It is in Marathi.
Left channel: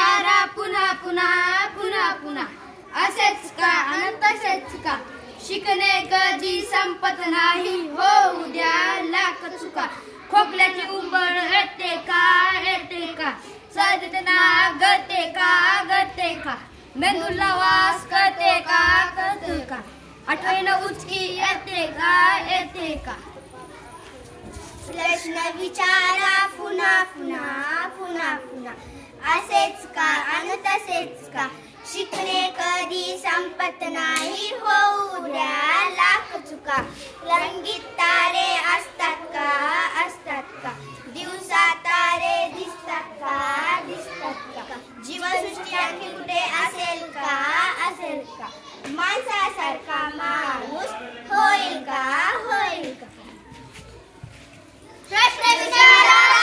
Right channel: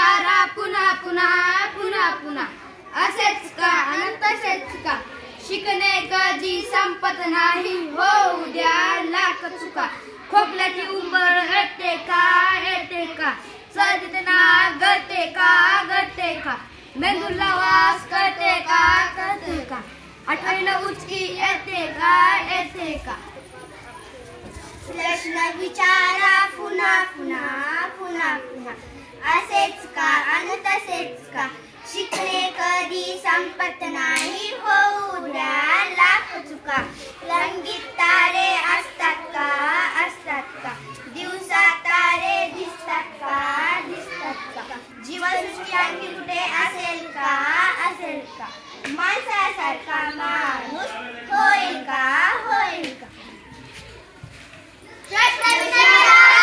विचारा पुन्हा पुन्हा पुन्हा पुन्हा, असेच का आणि तसेच का, शिकणे कधी संपत नाही, हो उद्या लाख चुका. खोकल्याची उंबळ येते का, सर्दीतना गळते का, मेंदूला वास कळते का, आठवणीनं उचकी येते का. प्रश्न विचारा पुन्हा पुन्हा पुन्हा पुन्हा, असेच का आणि तसेच का, शिकणे कधी संपत नाही, हो उद्या लाख चुका. रंगीत तारे असतात का, दिवसात तारे दिसतात का, जीवसृष्टी आणखी कुठे असेल का, माणसासारखा माणूस होईल का. प्रश्न विचारा.